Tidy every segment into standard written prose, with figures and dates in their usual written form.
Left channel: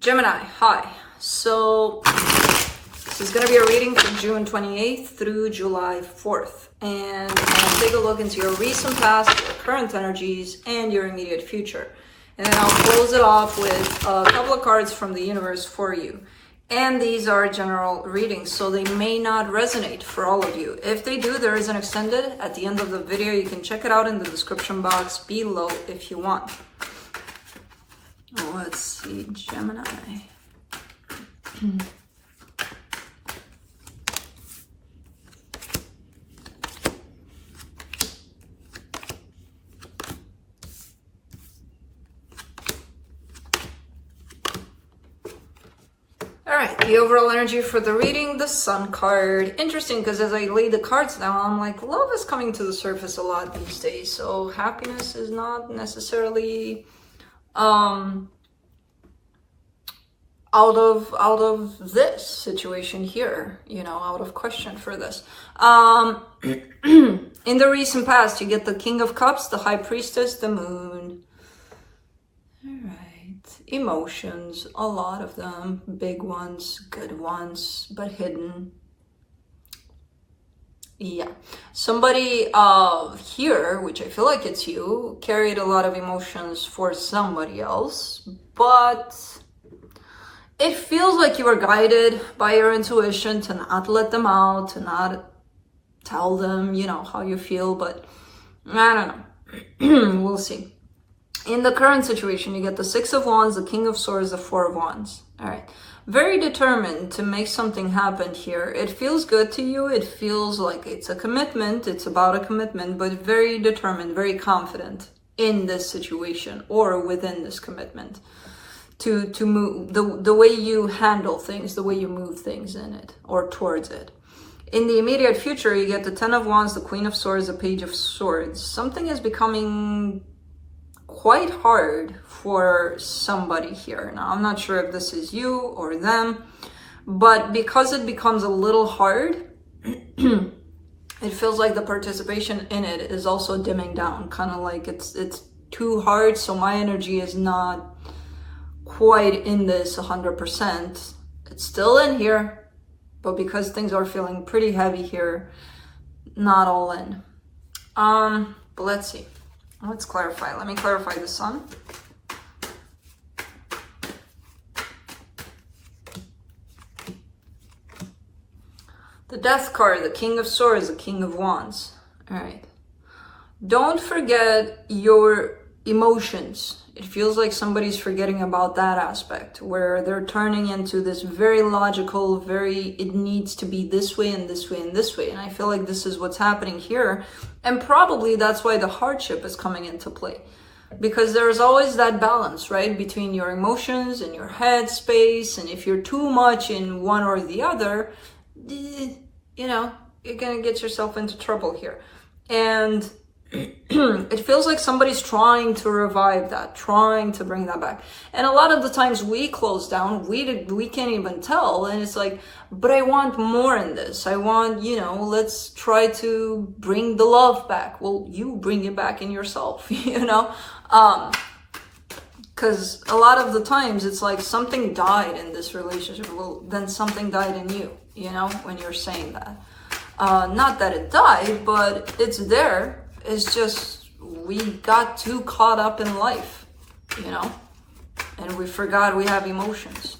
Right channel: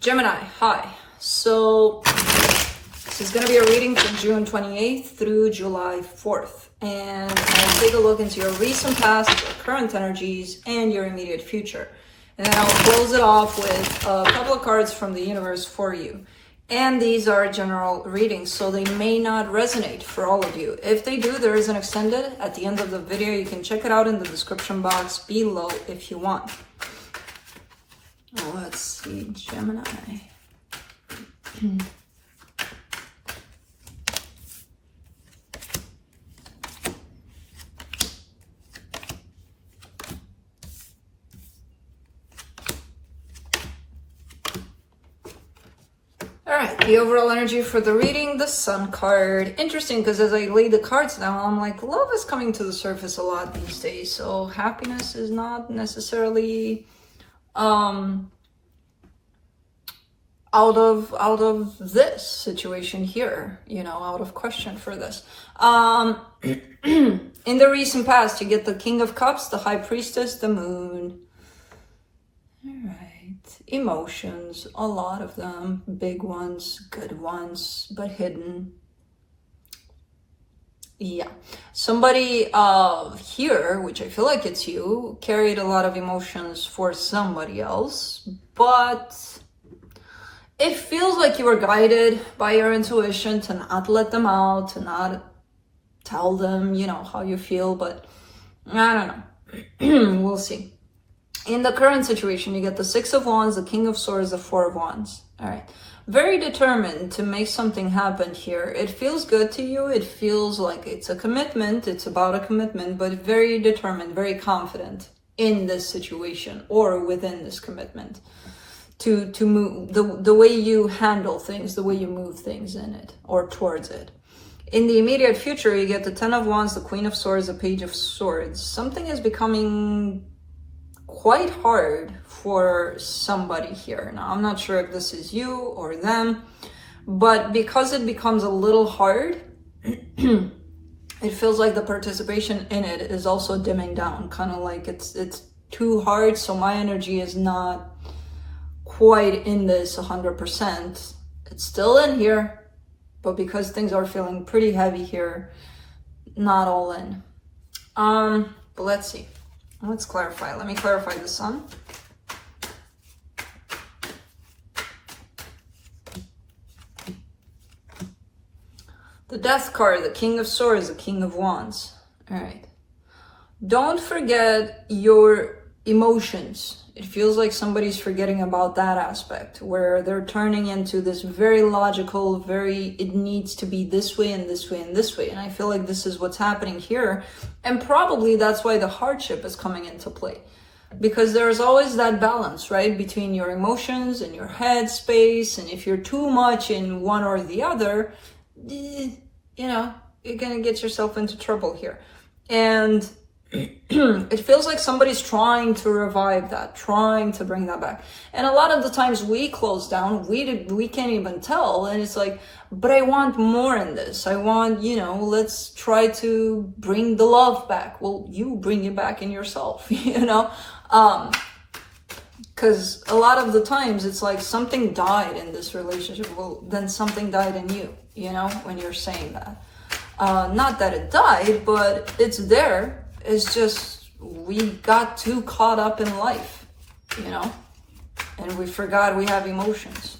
Gemini, hi. So this is going to be a reading from June 28th through July 4th. And I'll take a look into your recent past, your current energies, and your immediate future. And then I'll close it off with a couple of cards from the universe for you. And these are general readings, so they may not resonate for all of you. If they do, there is an extended at the end of the video. You can check it out in the description box below if you want. Let's see, Gemini. All right, the overall energy for the reading, the Sun card. Interesting, because as I lay the cards down, I'm like, love is coming to the surface a lot these days. So happiness is not necessarily out of this situation here, you know, out of question for this. In the recent past, you get the King of Cups, the High Priestess, the Moon. All right, emotions, a lot of them, big ones, good ones, but hidden. Yeah, somebody here, which I feel like it's you, carried a lot of emotions for somebody else, but it feels like you were guided by your intuition to not let them out, to not tell them, you know, how you feel, but I don't know. We'll see. In the current situation, you get the Six of Wands, the King of Swords, the Four of Wands. All right. Very determined to make something happen here. It feels good to you. It feels like it's a commitment. It's about a commitment, but very determined, very confident in this situation or within this commitment. To move, the way you handle things, the way you move things in it or towards it. In the immediate future, you get the Ten of Wands, the Queen of Swords, the Page of Swords. Something is becoming quite hard for somebody here. Now, I'm not sure if this is you or them, but because it becomes a little hard, it feels like the participation in it is also dimming down, kind of like it's too hard, so my energy is not quite in this 100%. It's still in here, but because things are feeling pretty heavy here, not all in. But let's see. Let's clarify. Let me clarify the Sun. The Death card, the King of Swords, the King of Wands. All right. Don't forget your emotions. It feels like somebody's forgetting about that aspect where they're turning into this very logical, it needs to be this way and this way and this way. And I feel like this is what's happening here. And probably that's why the hardship is coming into play. Because there's always that balance, right? Between your emotions and your head space. And if you're too much in one or the other, you know, you're going to get yourself into trouble here. And it feels like somebody's trying to revive that, trying to bring that back. And a lot of the times we close down, we can't even tell. And it's like, but I want more in this. I want, you know, let's try to bring the love back. Well, you bring it back in yourself, you know? Because a lot of the times it's like something died in this relationship. Well, then something died in you, you know, when you're saying that. Not that it died, but it's there. It's just we got too caught up in life, you know, and we forgot we have emotions.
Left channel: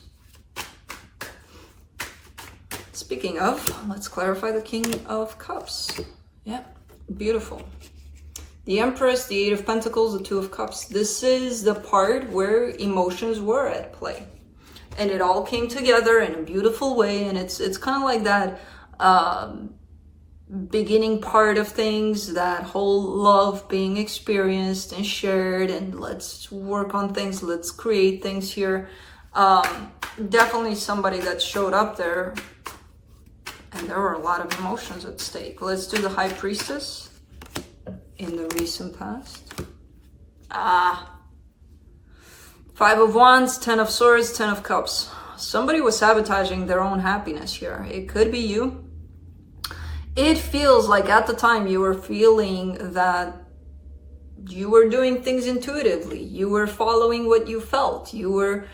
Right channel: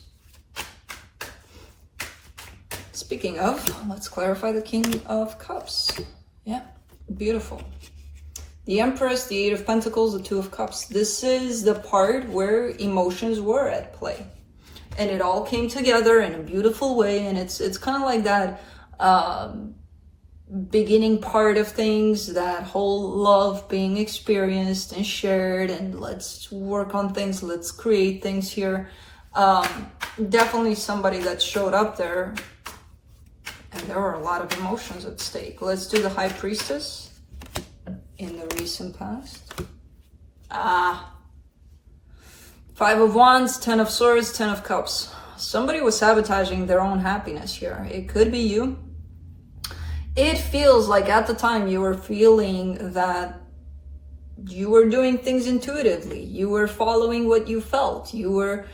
Speaking of, let's clarify the King of Cups. Yeah, beautiful. The Empress, the Eight of Pentacles, the Two of Cups. This is the part where emotions were at play. And it all came together in a beautiful way. And it's kind of like that beginning part of things, that whole love being experienced and shared, and let's work on things, let's create things here. Definitely somebody that showed up there, and there were a lot of emotions at stake. Let's do the High Priestess in the recent past. Five of Wands, Ten of Swords, Ten of Cups. Somebody was sabotaging their own happiness here. It could be you. It feels like at the time you were feeling that you were doing things intuitively. You were following what you felt. You were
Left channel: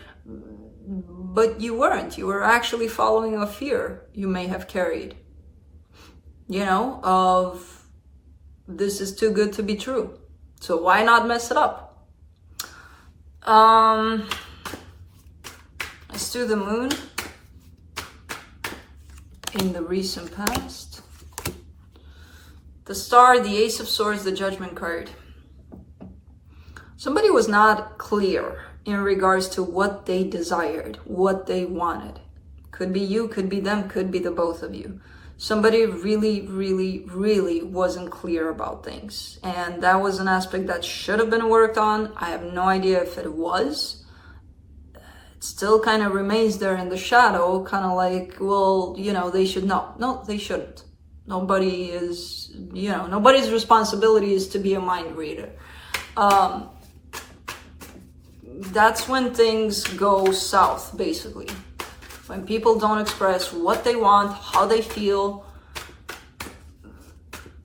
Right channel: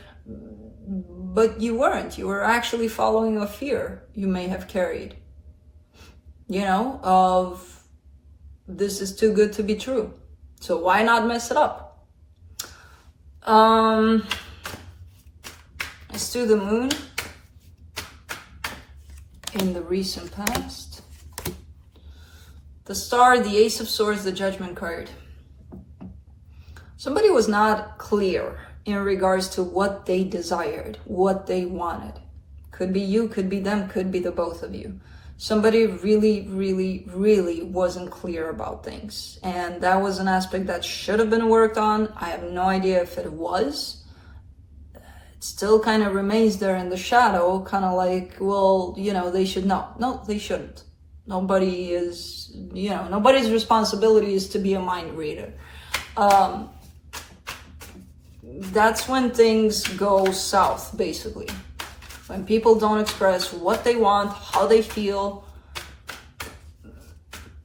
but you weren't. You were actually following a fear you may have carried, you know, of this is too good to be true. So why not mess it up? Let's do the moon in the recent past. The star, the ace of swords, the judgment card. Somebody was not clear in regards to what they desired, what they wanted. Could be you, could be them, could be the both of you. Somebody really wasn't clear about things. And that was an aspect that should have been worked on. I have no idea if it was. It still kind of remains there in the shadow, kind of like, well, you know, they should know. No, they shouldn't. Nobody is, you know, nobody's responsibility is to be a mind reader. That's when things go south, basically. When people don't express what they want, how they feel.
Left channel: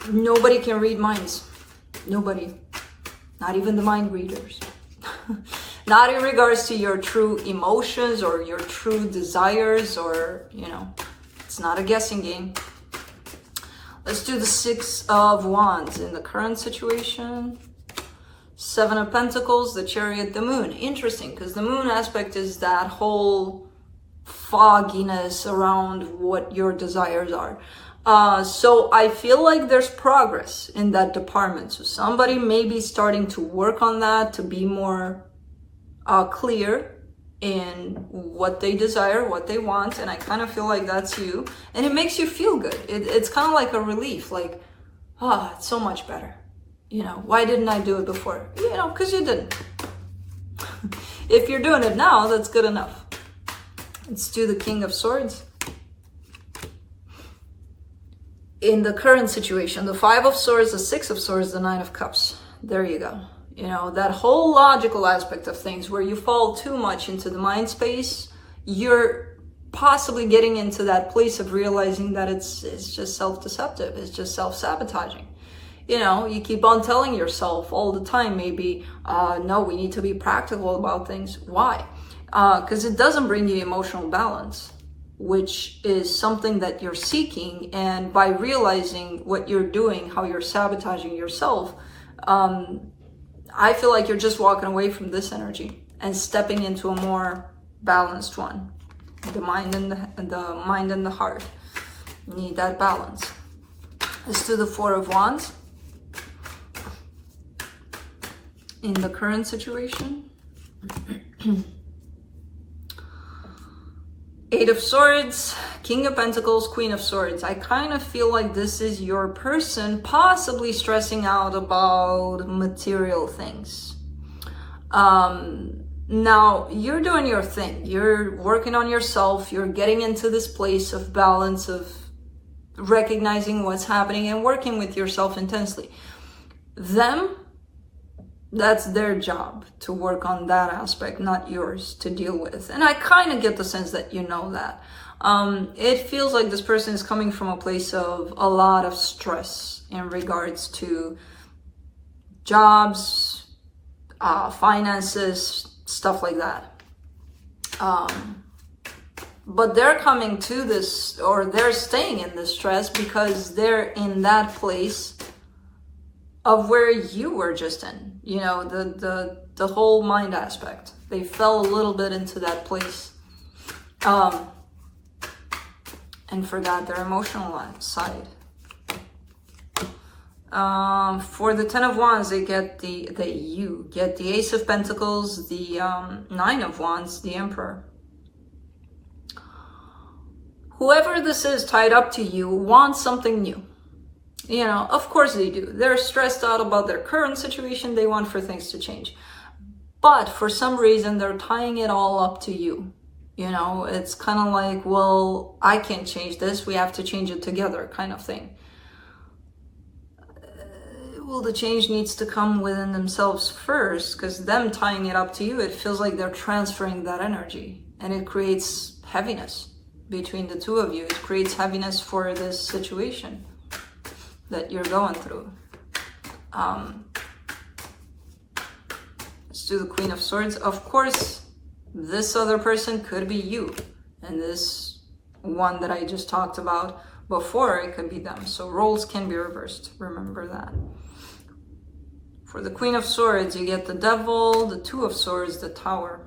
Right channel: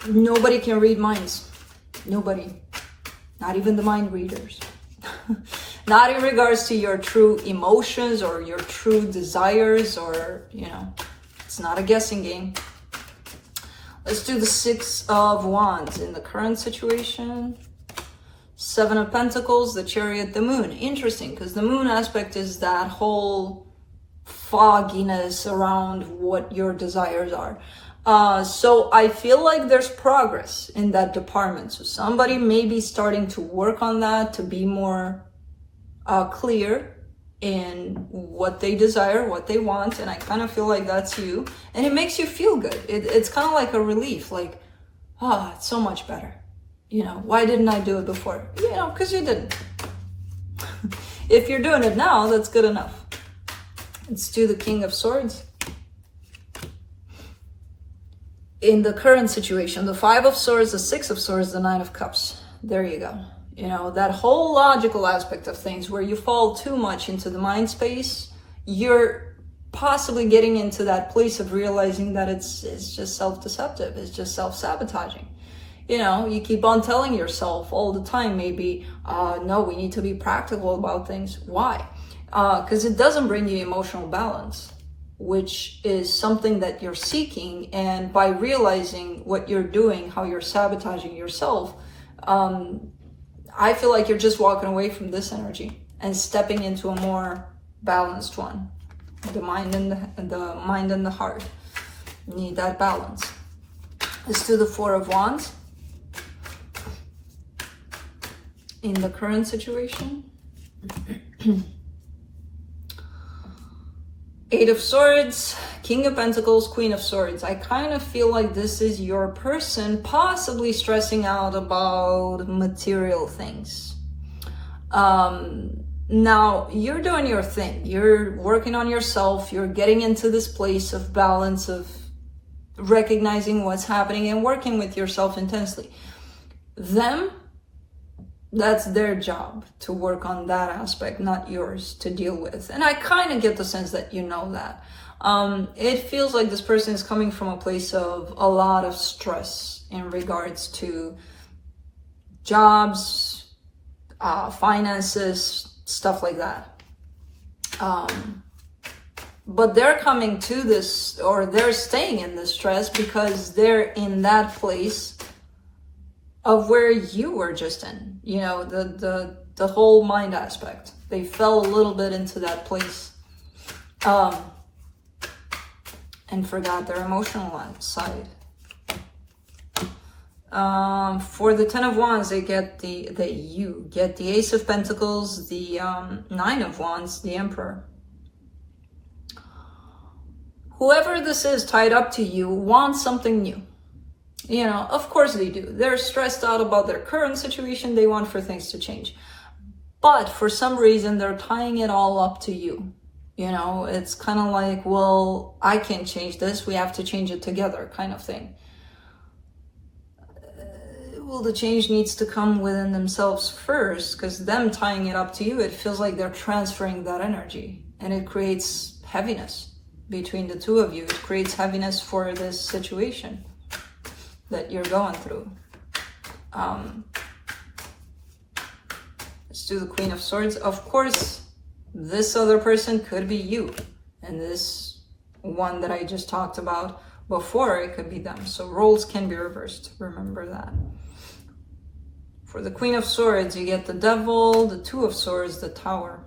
Nobody can read minds. Nobody. Not even the mind readers. Not in regards to your true emotions or your true desires, or, you know, it's not a guessing game. Let's do the Six of Wands in the current situation. Seven of Pentacles, the Chariot, the Moon. Interesting, because the Moon aspect is that whole fogginess around what your desires are. So I feel like there's progress in that department. So somebody may be starting to work on that, to be more clear in what they desire, what they want. And I kind of feel like that's you. And it makes you feel good. It's kind of like a relief, like, it's so much better. You know, why didn't I do it before? You know, because you didn't. If you're doing it now, that's good enough. Let's do the King of Swords. In the current situation, the Five of Swords, the Six of Swords, the Nine of Cups. There you go. You know, that whole logical aspect of things where you fall too much into the mind space, you're possibly getting into that place of realizing that it's just self-deceptive, it's just self-sabotaging. You know, you keep on telling yourself all the time, maybe, no, we need to be practical about things. Why? Because it doesn't bring the emotional balance, which is something that you're seeking. And by realizing what you're doing, how you're sabotaging yourself, I feel like you're just walking away from this energy and stepping into a more balanced one. The mind and the heart. You need that balance. Let's do the Four of Wands. In the current situation. Eight of Swords, King of Pentacles, Queen of Swords. I kind of feel like this is your person possibly stressing out about material things. Now, you're doing your thing. You're working on yourself. You're getting into this place of balance, of recognizing what's happening and working with yourself intensely. Them, that's their job to work on that aspect, not yours to deal with. And I kind of get the sense that you know that. It feels like this person is coming from a place of a lot of stress in regards to jobs, finances, stuff like that. But they're coming to this, or they're staying in this stress because they're in that place of where you were just in, you know, the whole mind aspect. They fell a little bit into that place and forgot their emotional side. For the Ten of Wands, they get you get the Ace of Pentacles, the Nine of Wands, the Emperor. Whoever this is tied up to you wants something new. You know, of course they do. They're stressed out about their current situation. They want for things to change. But for some reason, they're tying it all up to you. You know, it's kind of like, well, I can't change this. We have to change it together kind of thing. Well, the change needs to come within themselves first, because them tying it up to you, it feels like they're transferring that energy. And it creates heaviness between the two of you. It creates heaviness for this situation that you're going through. Let's do the Queen of Swords. Of course, This other person could be you. And this one that I just talked about before, it could be them. So roles can be reversed. Remember that. For the Queen of Swords, you get the Devil, the Two of Swords, the Tower.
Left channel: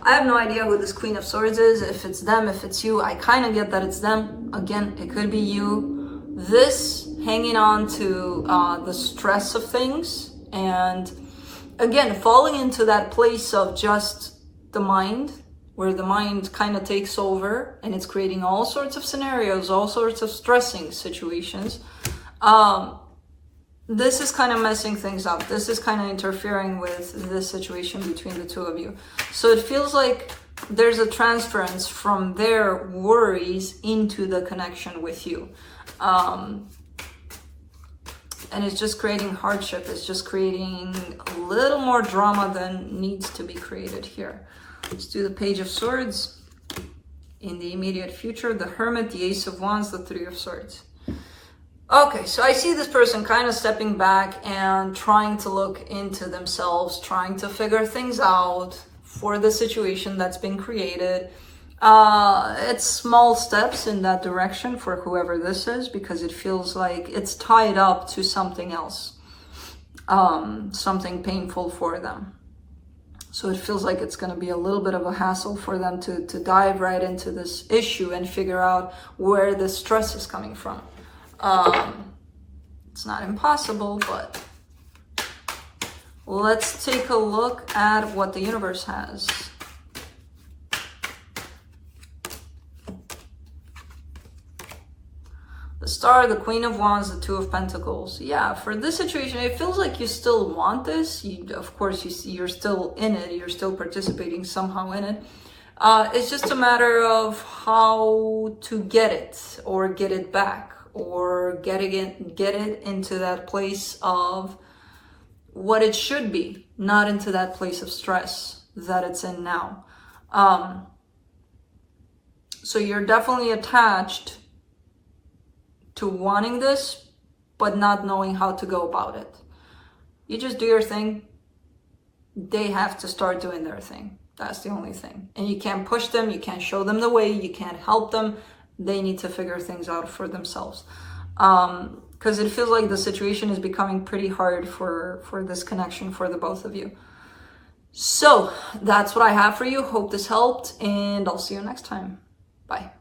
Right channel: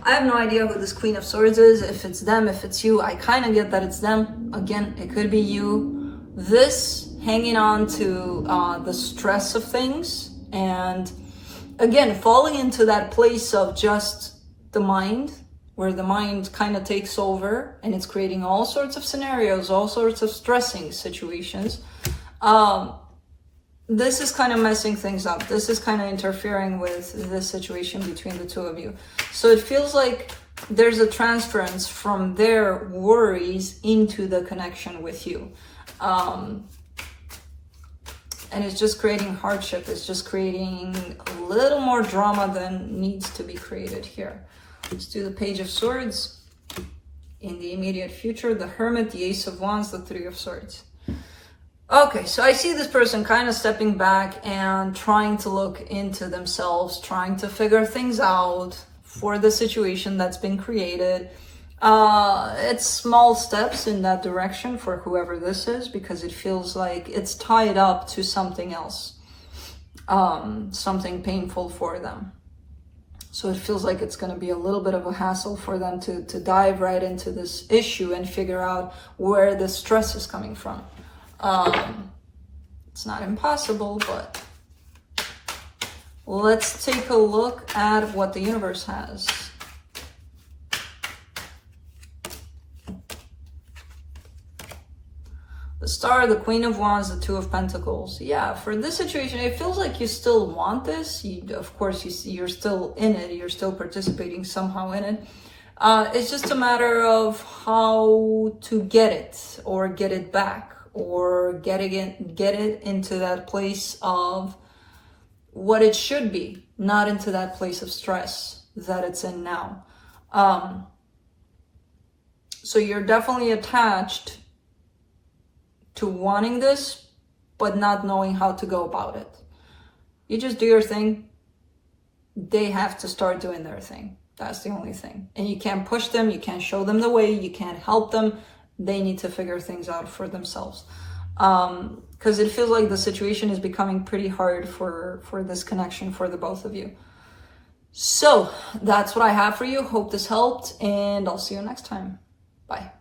I have no idea who this Queen of Swords is, if it's them, if it's you. I kind of get that it's them. Again, it could be you. This hanging on to the stress of things, and again, falling into that place of just the mind, where the mind kind of takes over and it's creating all sorts of scenarios, all sorts of stressing situations. This is kind of messing things up. This is kind of interfering with this situation between the two of you. So it feels like there's a transference from their worries into the connection with you. And it's just creating hardship. It's just creating a little more drama than needs to be created here. Let's do the Page of Swords. In the immediate future, the Hermit, the Ace of Wands, the Three of Swords. Okay, so I see this person kind of stepping back and trying to look into themselves, trying to figure things out for the situation that's been created. It's small steps in that direction for whoever this is, because it feels like it's tied up to something else, something painful for them. So it feels like it's going to be a little bit of a hassle for them to dive right into this issue and figure out where the stress is coming from. It's not impossible, but let's take a look at what the universe has. The Star, the Queen of Wands, the Two of Pentacles. Yeah, for this situation, it feels like you still want this. Of course, you're still in it. You're still participating somehow in it. It's just a matter of how to get it or get it back, or get it into that place of what it should be, not into that place of stress that it's in now. So you're definitely attached to wanting this, but not knowing how to go about it. You just do your thing. They have to start doing their thing. That's the only thing. And you can't push them. You can't show them the way. You can't help them. They need to figure things out for themselves. Because it feels like the situation is becoming pretty hard for this connection for the both of you. So that's what I have for you. Hope this helped, and I'll see you next time. Bye.